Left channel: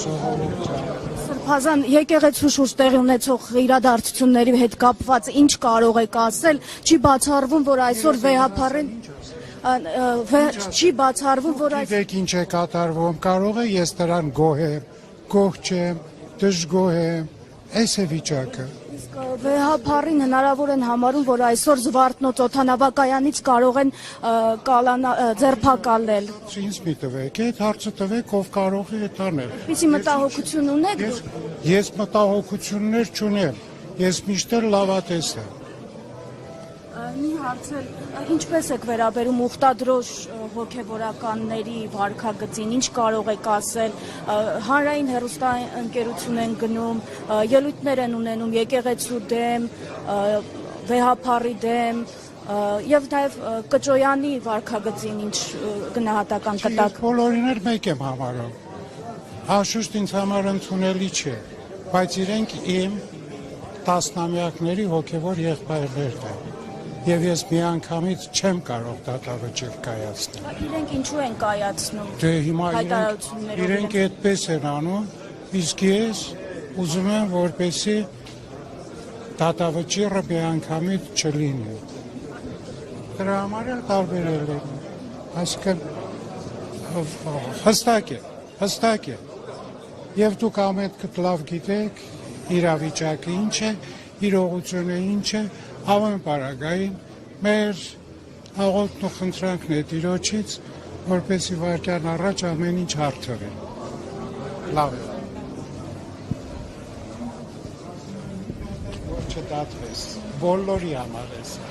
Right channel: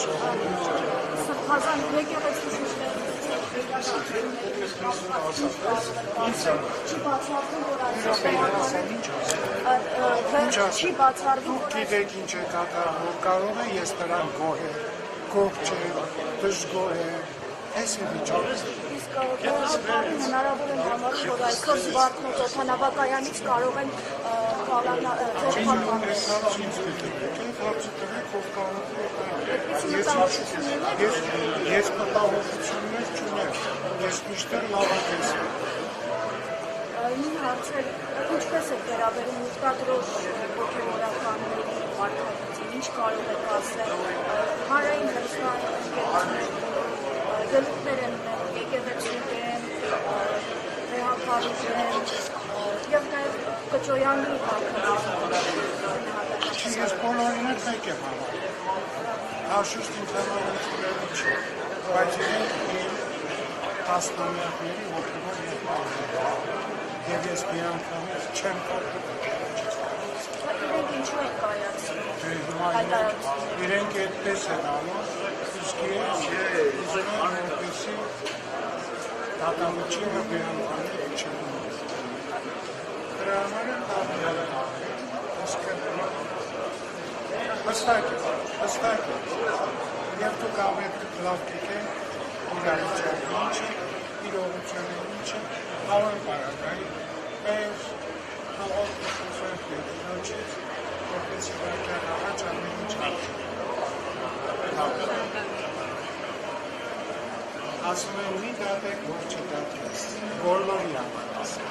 Սուրբազան եկեղեցու շուրջ տեղի ունեցող իրադարձությունների հետ կապված ինչ կարող եք ասել, չի բացառվում, որ այսօր վեհապարեն չի բացառվում, որ Գիտեք ինչ է կատարվում, կարող է ես դրան գոհ չեմ, դժգոհ եմ, այս է վիճակը։ Իսկ վեհապարին հնարավոր են համարում, որ այսօր Զվարթնոց օդանավակայանից կարող են ձերբակալել։ Ինձ պիտեք, այդ հարցը տվեք, ով կարող է տանել։ Այսի մտահոգություն ունեք։ Ես մտահոգություններ չունեմ, ես միշտ լավատես եմ։ Մի հարցել, ինչպես եք վերաբերում ուխտադրոշ հոգևորականների վարքագծին, ինչ կարող եք ասել, հանրային հեռուստաընկերություն են գնում, ելույթներ են ունենում եկեղեցու դեմ, վեհապարի դեմ, եւ նաեւ Կճոյանի վարքագծին ինչ գնահատական կտակ։ Բոլորին էլ մեկ եմ հավարել, անշուշտ ինձ համար ընդունելի չէ, բայց իրենք իմ տասնամյակների հոգևոր եղբայրներն են։ Եվ ես մի անգամից չեմ կարող դատավճիռ կայացնել։ Իրենք ինչու են կայացնում։ Դե հիմա իրենք այդպես են անում, իսկ ես ուզում եմ, որպեսզի դատավճիռը մի անգամից չլինի։ Դրա համար տարբերել եմ։ Այսինքն հստակ է։ Եվ դուք ամենքդ լավ գիտեք իրավիճակը ինչ է, իրողությունը ինչ է, Հավան պարագային մեր աղոթն ու խնդրանքն է Տիրոջից, որպեսզի վայրկյան առաջ ամեն ինչ հարթվի։ Լավ է։ Ասում եմ մի դատեք, որ չդատվես, բոլորի համար ասեմ։